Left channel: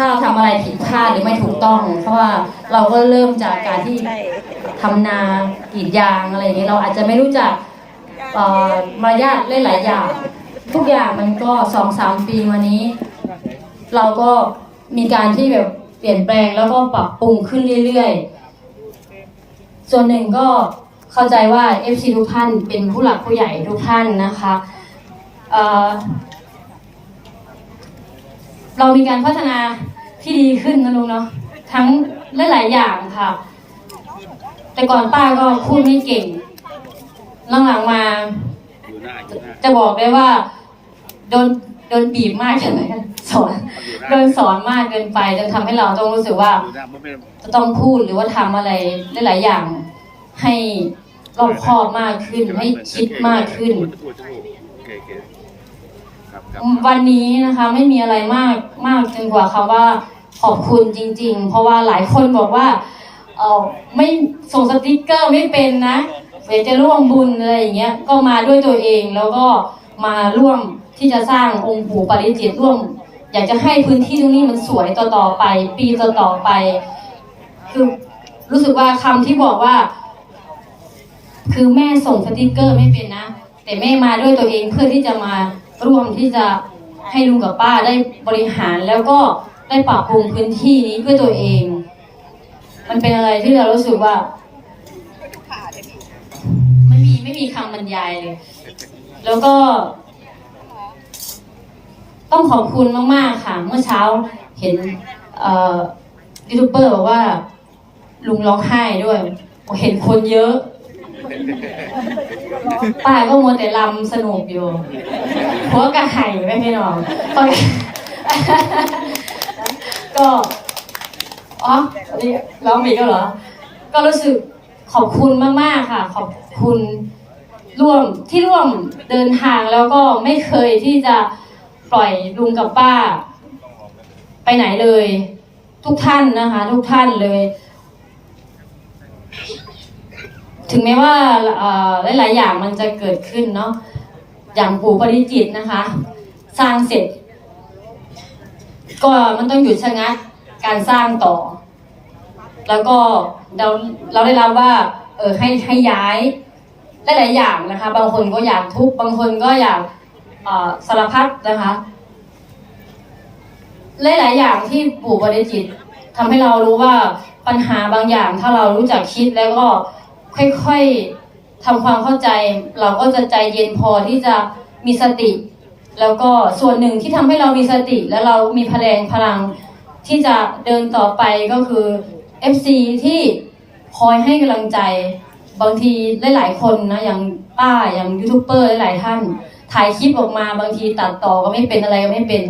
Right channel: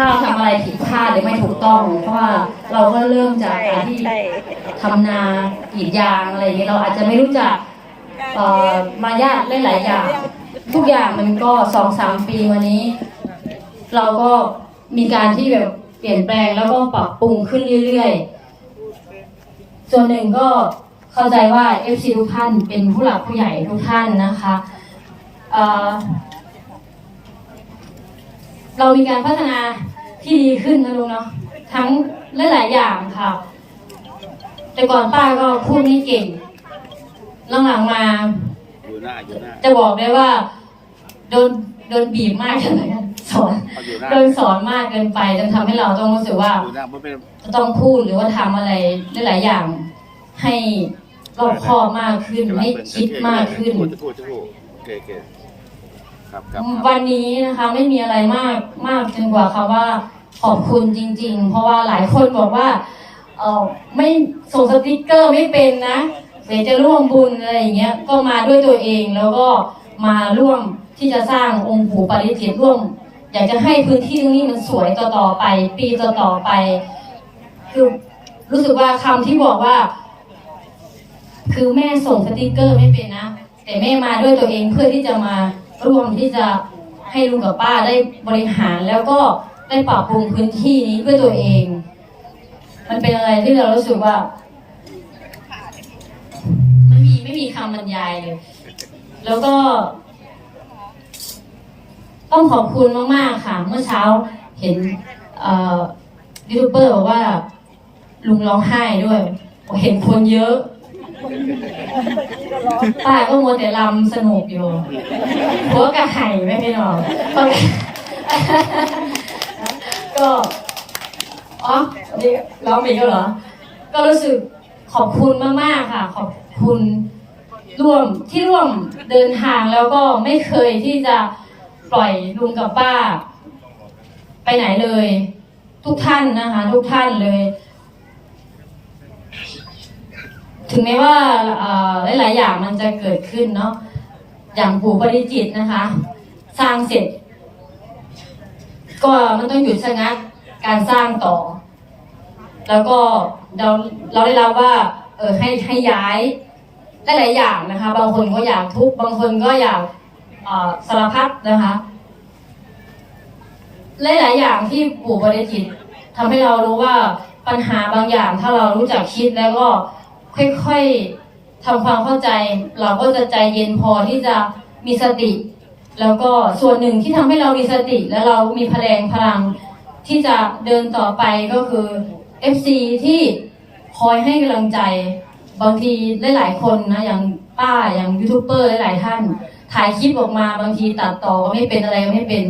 ถ้าทำอะไรผิดพลาดหรือไม่ถูกต้อง เพราะว่าเราก็เริ่มจากการที่ใช่ทำนากรีดยางอะไรอย่างเงี้ยเราอาจจะไม่รู้จักเอ่อมารยาทหลายๆอย่าง ทุกอย่างมันก็สองสามปีมานี้ เราก็มีการที่แบบเปลี่ยนแปลงแล้วก็ปรับปรุงขึ้นเรื่อยๆ ส่วนหนึ่งก็เข้าใจว่า FC ทุกท่านเป็นผู้หลักผู้ใหญ่ทุกท่านนะคะ เรามีการพัฒนาที่ดีขึ้นนะลุงเนาะทั้งหลายๆอย่างค่ะ แต่ก่อนป้าก็พูดไม่เก่งหลังๆมาอยู่หน้าอยู่หน้าจะบอกได้ว่า โดนโดนบีบมากเลยสอนโดนสอนมากเกินไปจนทำให้เราต้องรู้สึกว่าจะต้องพูดหรือว่าทำอะไรหลายๆอย่าง ให้รอบคอบมากขึ้นให้คิดมากขึ้น ครับครับวันนี้นะคะไม่มีอะไรมากมากจนกว่าค่ะว่าขอบคุณจริง ๆ เพราะว่าหลายคนบอกว่าเออไม่ส่งสติกเกอร์ไม่เป็นนะเดี๋ยวจะร่วมบุญอะไรอย่างเงี้ยก็มาด้วยตัวเองแล้วก็มาร่วมที่จะสร้างองค์ปู่ปาริจิตร่วม อยากจะให้พื้นที่ตรงนี้มันสวยต่อๆไป ปีต่อๆไป คือรู้สึกว่าคำที่บอกว่า คือแม่ส่งสติกเกอร์ไม่เป็นนะแต่แม่มาด้วยตัวเองเพื่อที่จะมา ร่วมที่จะให้ลุงกับป้าได้บริหารแล้วก็ได้ปรับปรุงพื้นที่นี้เพื่อตัวเอง มันเป็นอะไรที่เรารู้สึกว่าไม่มีไม่มีคำบรรยายเลยแล้วก็ ต้องขอบคุณมากๆค่ะ เมื่อเช้าเห็นยูทูบเบอร์บอกว่า ลุงร้องไห้ด้วย เห็นคนเยอะ ป้าก็มัวแต่ลำสนุกอยู่หัวกระไห่ไม่ไม่หรอกก็อ๋อร้องอีกแล้วเหรอ ก็รู้สึกขอบคุณมากๆค่ะ ขอบคุณร่วมที่ร่วมเดินทางแล้วก็ไม่เคยที่จะปล่อยลุงกับป้า ไปไหนเลย ทุกท่านนะคะ ทุกท่านเลย ถึงแม้ว่าเอ่อหลาย ๆ อย่างมันจะเกิดขึ้นเนาะอย่างปู่ปริจิตนะคะ สร้างเสร็จ ก็มันต้องหยุดชะงักการสร้างต่อ แล้วก็เราเราได้รับว่า เออให้ให้ย้ายหลาย ๆ อย่างนะคะ บางคนก็อยากทุบบางคนก็อยากสารพัดนะคะหลาย ๆ อย่างที่ปู่ปริจิตทำให้เรารู้ว่าปัญหาบางอย่างถ้าเรารู้จักคิดแล้วก็ ค่อยๆทำความเข้าใจ เราก็จะใจเย็นพอที่จะมีสติ แล้วก็ส่วนหนึ่งที่ทำให้เรามีสติและเรามีพลังพลัง ที่จะเดินต่อไปก็คือ FC ที่คอยให้กำลังใจบางทีหลายๆคนนะอย่างป้าอย่างยูทูบเบอร์หลายท่าน ถ่ายคลิปออกมาบางทีตัดต่อก็ไม่เป็นอะไรก็ไม่เป็น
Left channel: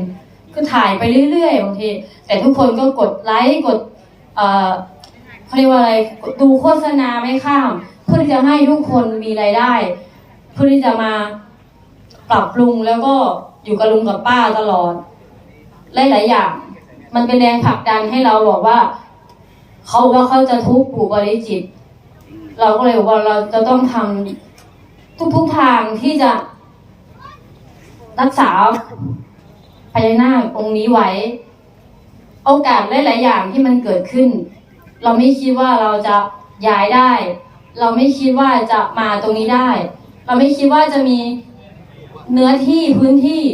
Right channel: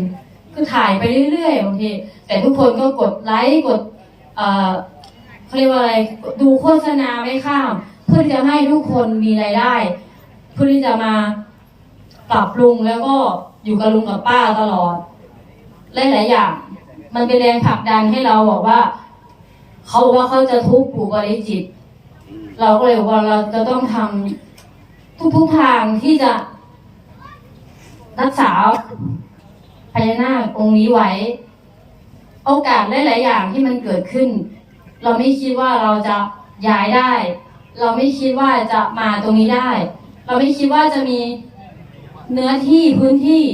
คือถ่ายไปเรื่อยๆบางทีแต่ทุกคนก็กดไลค์กด เขาเรียกว่าอะไรดูโฆษณาไม่ข้าม เพื่อที่จะให้ทุกคนมีรายได้ เพื่อที่จะมาปรับปรุงแล้วก็อยู่กับลุงกับป้าตลอดหลายๆอย่าง มันเป็นแรงผลักดันให้เราบอกว่า เขาบอกว่าเขาจะทุบปู่บริจิต เราก็เลยบอกว่าเราจะต้องทำทุกๆทางที่จะ รักษาพญานาคองค์นี้ไว้ โอกาสหลายๆอย่างที่มันเกิดขึ้น เราไม่คิดว่าเราจะย้ายได้ เราไม่คิดว่าจะมาตรงนี้ได้ เราไม่คิดว่าจะมีเนื้อที่พื้นที่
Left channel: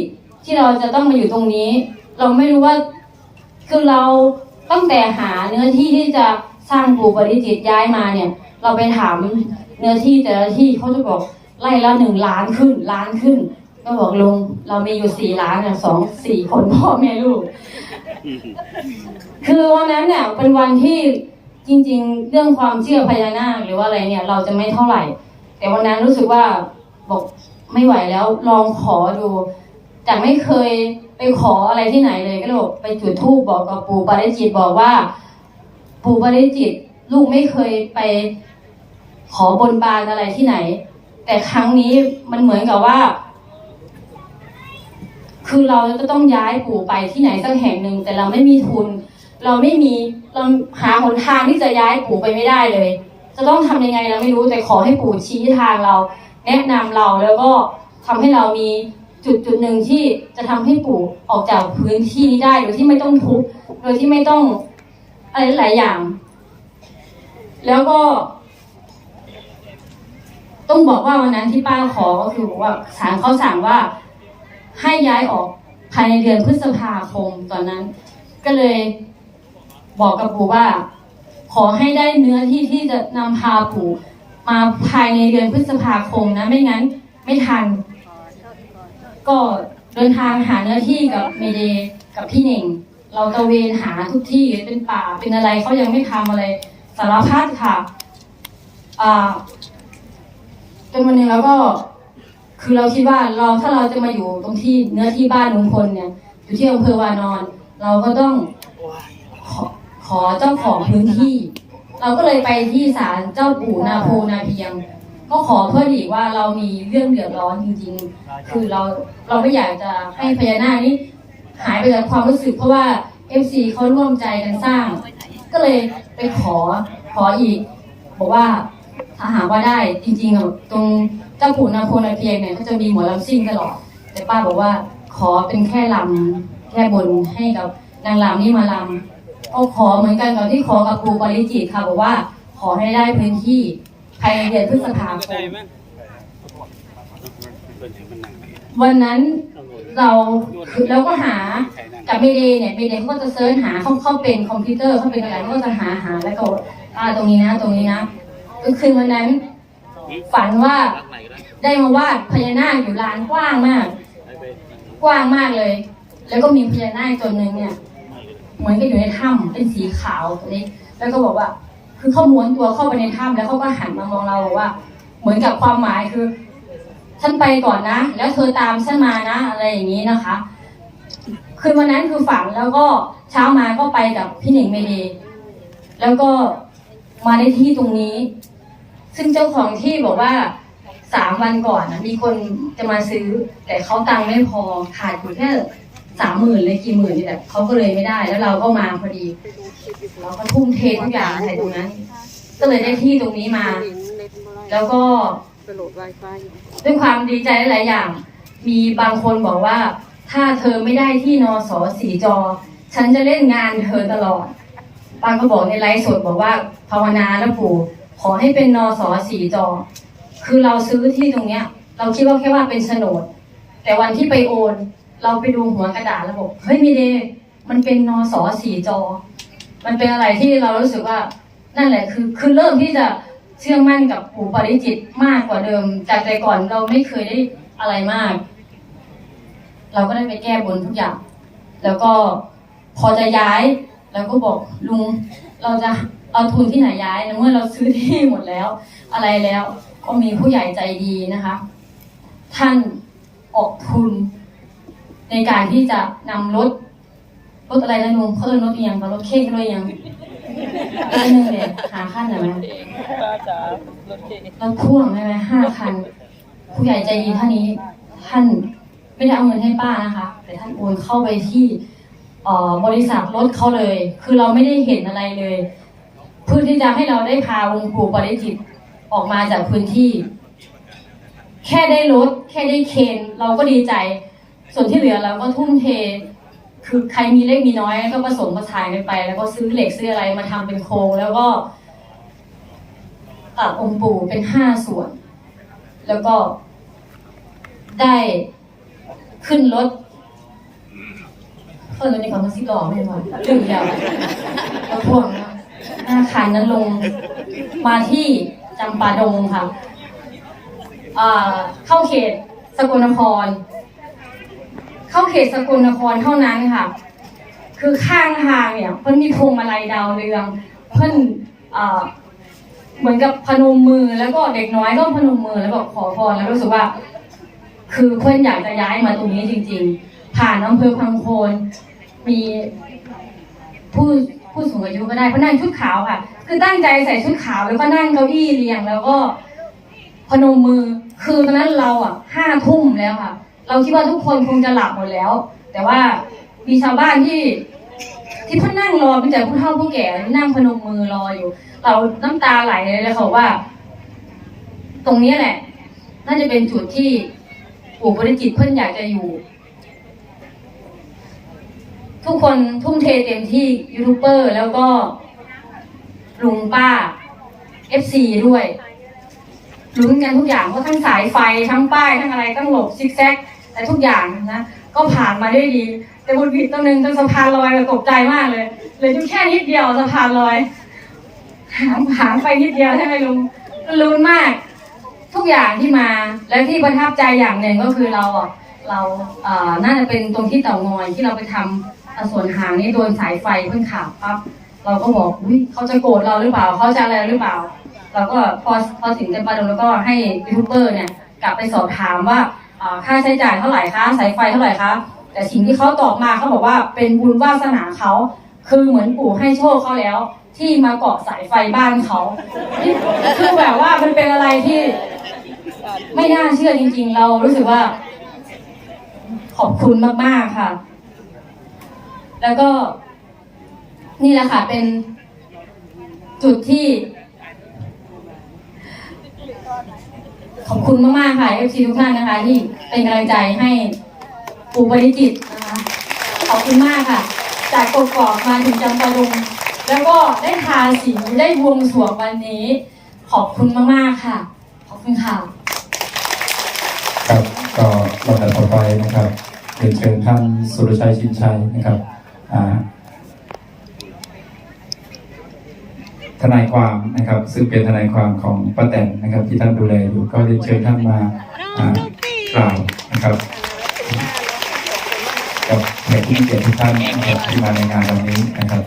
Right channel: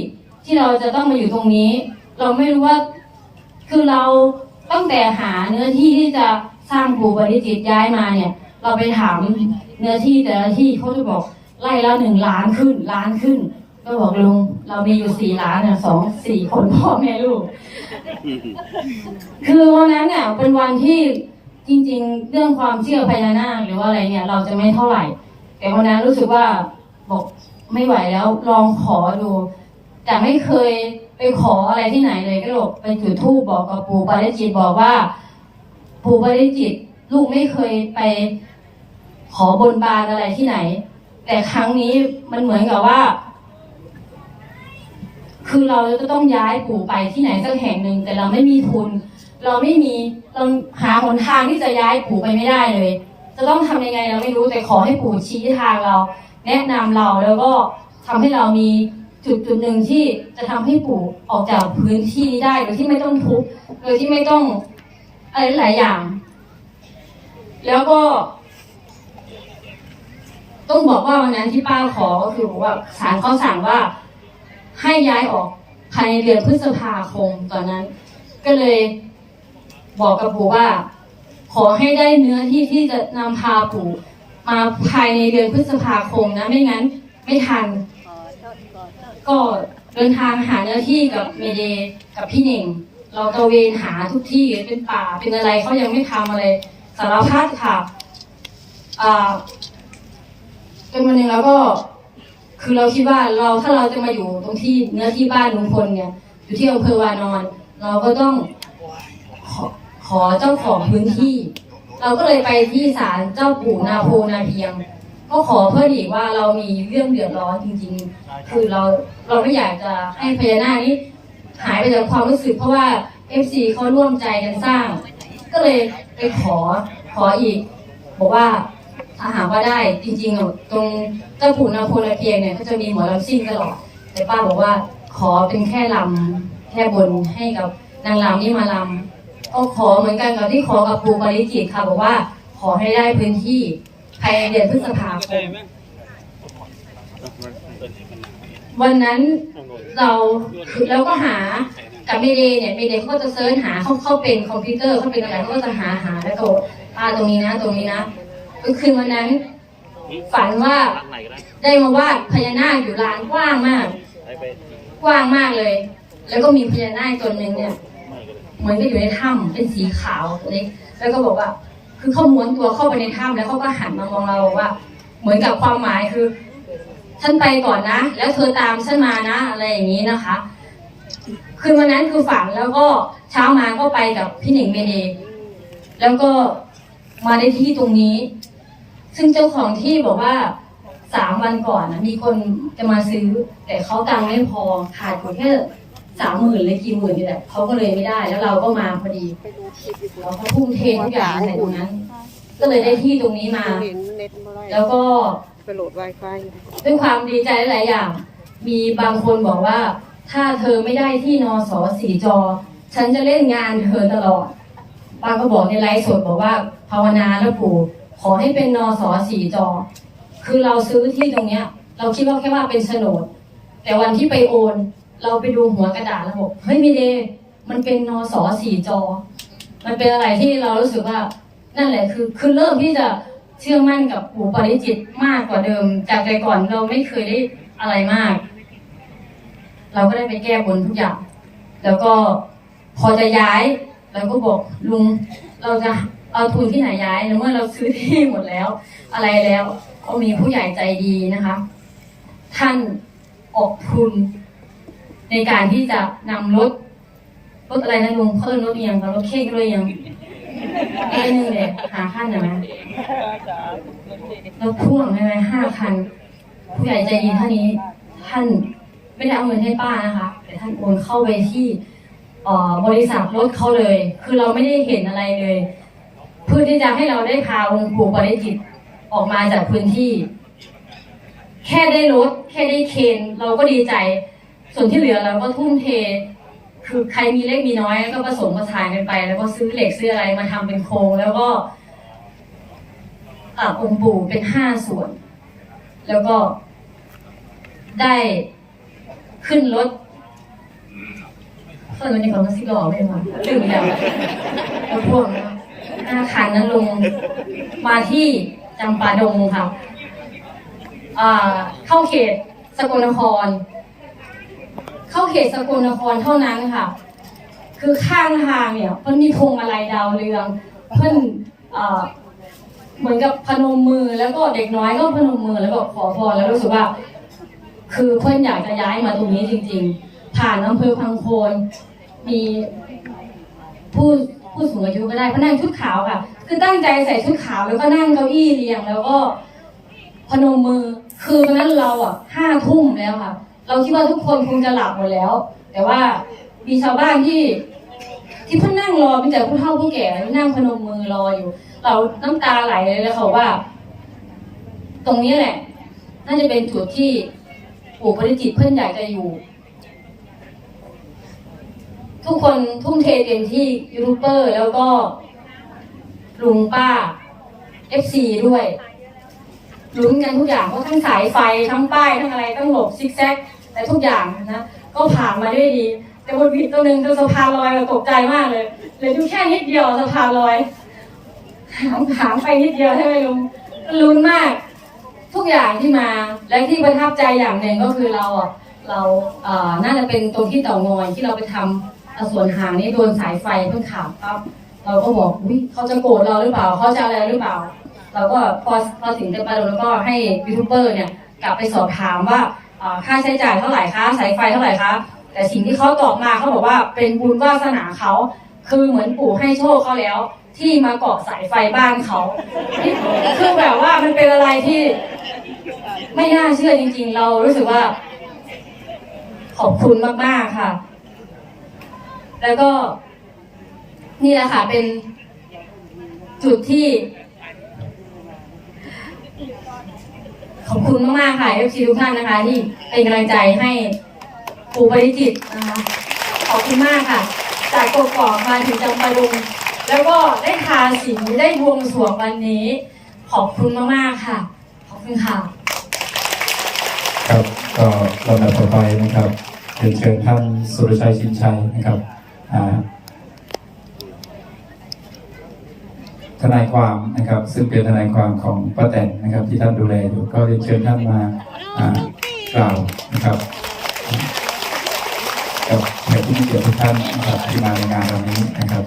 ที่เราจะต้องมาอยู่ตรงนี้ เราไม่รู้ว่าคือเราตั้งแต่หาเนื้อที่ที่จะสร้างปู่ปฏิจิตรย้ายมาเนี่ย เราไปถามเนื้อที่แต่ละที่เขาจะบอกไล่ละหนึ่งล้านขึ้นล้านขึ้นก็บอกลุงเรามีอยู่สี่ล้านเนี่ยสองสี่คนพ่อแม่ลูก คือวันนั้นเนี่ยเป็นวันที่ จริง ๆ เรื่องความเชื่อพญานาคหรือว่าอะไรเนี่ย เราจะไม่เท่าไหร่ แต่วันนั้นรู้สึกว่าบอกไม่ไหวแล้วลองขอดู แต่ไม่เคยไปขออะไรที่ไหนเลยก็เลยบอกไปจุดธูปบอกกับปู่ปาริจิตบอกว่า ปู่ปาริจิตลูกไม่เคยไปขอบนบานอะไรที่ไหน แต่ครั้งนี้มันเหมือนกับว่า คือเราจะต้องย้ายปู่ไปที่ไหนสักแห่งหนึ่งแต่เราไม่มีทุน เราไม่มีเราหา หนทางที่จะย้ายปู่ไปไม่ได้เลย จะต้องทำยังไงเราไม่รู้แต่ขอให้ปู่ชี้ทางเรา แนะนำเราแล้วก็ทำให้เรามีจุดจุดหนึ่งที่จะทำให้ปู่ออกจากพื้นที่นี้ได้โดยที่ไม่ต้องทุบโดยที่ไม่ต้องอะไรหลายอย่าง แล้วก็ ต้องบอกว่าวันนั้นที่ป้าขอก็คือว่าศาลเขาสั่งว่าให้ย้ายออกภายในเดือนพฤษภาคมตอนนั้น ก็เลยบอกกับปู่ว่า ขอให้ได้เนื้อที่ที่จะนำพาปู่มาภายในเดือนพฤษภาคมนะไม่งั้นไม่ทัน ก็เดินทางหาเนื้อที่กับเมเดย์กับพี่หนิงเราตะเวนหาทุกที่เป็นป่าเป็นอะไรเขายังไม่ทำอะไรสารพัดค่ะอ่าจนวันหนึ่งแล้วก็ คือเราคิดว่าเราถ้าเราจะมาอยู่ตรงที่เนื้อที่บ้านลุงพลเนี่ย อยู่ที่อำเภอวานอน เราก็ต้อง ขอเจ้าของพื้นที่ เราก็เลยไปที่ศาลเจ้าปู่นาโพนาเพียง ก็ขอเพื่อดีกว่าเรามีเรื่องเดือดร้อนจริงๆ คือเราเราไม่อยากจะให้พญานาคนี้หายไปจากความรู้สึกเพราะว่า FC เขาร่วมใจกันสร้าง ก็เลยไปขอขออีกบอกว่าถ้าหากว่าได้จริงๆอะตรงเจ้าปู่นาโพนาเพียงเนี่ยเขาจะมีหมอลำซิ่งตลอดแต่ป้าบอกว่าขอเป็นแค่ลำแค่บนให้กับนางลำนี่มาลำ ก็ขอเหมือนกันกับที่ขอกับปู่ปาริจิตค่ะบอกว่าขอให้ได้พื้นที่ภายในเดือนพฤษภาคมเป็นอย่างมันหนักเลยวันนั้นต้องโดนเราเราก็หากับเมเดย์เนี่ยเมเดย์เขาก็จะเซิร์ชหาเขาเข้าเป็นคอมพิวเตอร์เขาเป็นอะไรเขาก็จะหาหาแล้วก็อ่าตรงนี้นะ ตรงนี้นะก็คือวันนั้น ฝันว่าได้มาวาดพญานาคอยู่ลานกว้างมากไปไปกว้างมากเลย แล้วก็มีพญานาคตนหนึ่งเนี่ยเหมือนก็อยู่ในถ้ำเป็นสีขาวตัวเล็กแล้วก็บอกว่า คือเขาม้วนตัวเข้าไปในถ้ำแล้วเขาก็หันมามองเราบอกว่า เหมือนกับความหมายคือฉันไปก่อนนะ แล้วเธอตามฉันมานะอะไรอย่างนี้นะคะคือวันนั้นคือฝันแล้วก็เช้ามาก็ไปกับพี่หนิงเมเดย์แล้วก็มาในที่ตรงนี้ ซึ่งเจ้าของที่บอกว่าสามวันก่อนนะมีคนจะมาซื้อ แต่เขาตังค์ไม่พอขาดอยู่แค่ สามหมื่นหรือกี่หมื่นนี่แหละเขาก็เลยไม่ได้ แล้วเราก็มาพอดีเราก็ทุ่มเททุกอย่างใส่ตรงนั้น ก็เลยได้ที่ตรงนี้มา แล้วก็ด้วยความดีใจหลายอย่าง มีบางคนบอกว่า ถ้าเธอไม่ได้ที่นอสอสีจอ ฉันจะเล่นงานเธอตลอดป้าก็บอกในไลฟ์สดบอกว่าภาวนาแล้วปู่ขอให้เป็นนอสอสีจอ คือเราซื้อที่ตรงเนี้ย เราคิดว่าแค่ว่าเป็นโฉนด แต่วันที่ไปโอน เราไปดูหัวกระดาษแล้วบอกเฮ้ยมีเดย์มันเป็นนอสอสีจอ มันเป็นอะไรที่เรารู้สึกว่า นั่นแหละคือคือเริ่มที่จะเชื่อมั่นกับปู่ปริจิตมากกว่าเดิม จากแต่ก่อนเราไม่เคยได้อะไรมาก เราก็ได้ไปแก้บนทุกอย่าง แล้วก็พอจะย้ายเราก็บอกลุงเราจะเอาทุนที่ไหนย้ายในเมื่อเราซื้อที่หมดแล้ว อะไรแล้วก็มีผู้ใหญ่ใจดีนะคะ ท่านออกทุน ในการที่จะนำรถรถอะไรนะลุงเขาเรียกรถเอียงเขารถเค้กด้วยยังเอ้ยนึงเลยหาขั้นหน่อยไหมรถพ่วงใช่ไหมห้าคัน ผู้ใหญ่ใจดีท่านนี้ท่านไม่ได้เอาเงินให้ป้านะคะแต่ท่านโอนเข้าไปที่บริษัทรถเขาเลย คือเราไม่ได้เห็นอะไรเลย เพื่อที่จะให้เราได้พาองค์ปู่ปริจิตออกมาจากพื้นที่ แค่ได้รถแค่ได้เคนเราก็ดีใจ ส่วนที่เหลือเราก็ทุ่มเท คือใครมีเล็กมีน้อยก็ผสมผสานกันไป แล้วก็ซื้อเหล็กซื้ออะไรมาทำเป็นโครงแล้วก็ตัดองค์ปู่เป็นห้าส่วน แล้วก็ได้ขึ้นรถเพิ่นรถในกล่องมันสิบล้อไม่หมดลืมแล้วรถพ่วงนะหน้าคันนั้นลงมาที่จำปาดงค่ะเข้าเขตสกลนคร เข้าเขตสกลนครเท่านั้นค่ะ คือข้างทางเนี่ยเพิ่นมีพวงมาลัยดาวเรือง เพิ่นเอ่อเหมือนกับพนมมือแล้วก็เด็กน้อยก็พนมมือแล้วบอกขอพรแล้วรู้สึกว่า คือเพื่อนอยากจะย้ายมาตรงนี้จริง ๆ ผ่านอำเภอพังโคนมีผู้ผู้สูงอายุก็ได้เขานั่งชุดขาวค่ะ คือตั้งใจใส่ชุดขาวแล้วก็นั่งเก้าอี้เรียงแล้วก็พนมมือคือตอนนั้นเราอะห้าทุ่มแล้วค่ะ เราคิดว่าทุกคนคงจะหลับหมดแล้ว แต่ว่ามีชาวบ้านที่ ที่เพิ่งนั่งรอเป็นจากผู้เฒ่าผู้แก่นั่งพนมมือรออยู่ เราน้ำตาไหลเลยแล้วเขาว่า ตรงนี้แหละ น่าจะเป็นจุดที่ปู่ปริจิตเพิ่นอยากจะอยู่ ทุกคนทุ่มเทเต็มที่ยูทูบเบอร์แล้วก็ลุงป้า FC ด้วยลุ้นกันทุกอย่างเพราะทั้งสายไฟทั้งป้ายทั้งอะไรต้องหลบซิกแซก แต่ทุกอย่างนะก็ผ่านมาได้ดี แต่บนผิดตัวหนึ่งตรงสะพานลอยเราตกใจมากเลยเหลยดูแค่นิดเดียวสะพานลอยหางหางไปนิดเดียวใช่ไหมลุงลุ้นมาก ทุกอย่างที่มาและที่ประทับใจอย่างหนึ่งก็คือเราอะเราเอ่อน่าจะเป็นตรงที่เต่างอยที่เราไปทำเอ่อส่วนหางนี่โดนสายไฟเพิ่งขาดปั๊บเราก็บอกอุ้ยเขาจะโกรธเราหรือเปล่าเขาจะอะไรหรือเปล่าเราก็พอพอถึงกันไปแล้วก็ให้ยูทูบเบอร์เนี่ยกลับไปสอบถามว่า ค่าใช้จ่ายเท่าไหร่คะสายไฟเท่าไหร่คะแต่สิ่งที่เขาตอบมาเขาบอกว่าเป็นบุญวาสนาเขาคือเหมือนปู่ให้โชคเขาแล้ว ที่มาเกาะสายไฟบ้านเขาคือแบบว่ามันเป็นอะไรที่ ไม่น่าเชื่อจริง ๆ เรารู้สึกว่า ขอบคุณมากๆค่ะ แล้วก็นี่แหละค่ะเป็นจุดที่ อบคุณมากๆค่ะ FC ทุกท่านนะคะ ที่เป็นกำลังใจให้ปู่ปริจิตนะคะขอบคุณมากค่ะ จากกกอกมาถึงจำปาดงแล้วก็ได้ทาสีได้บวงสรวงวันนี้ ขอบคุณมากๆค่ะ ขอบคุณค่ะครับก็ลำดับต่อไปนะครับเรียนเชิญท่านสุรชัยชินชัยนะครับอ่า ทนายความนะครับ ซึ่งเป็นทนายความของป้าแตนนะครับ ที่ท่านดูแลอยู่ก็เรียนเชิญท่านมากล่าวนะครับกับแขกผู้มีเกียรติทุกท่านที่มาในงานวันนี้นะครับ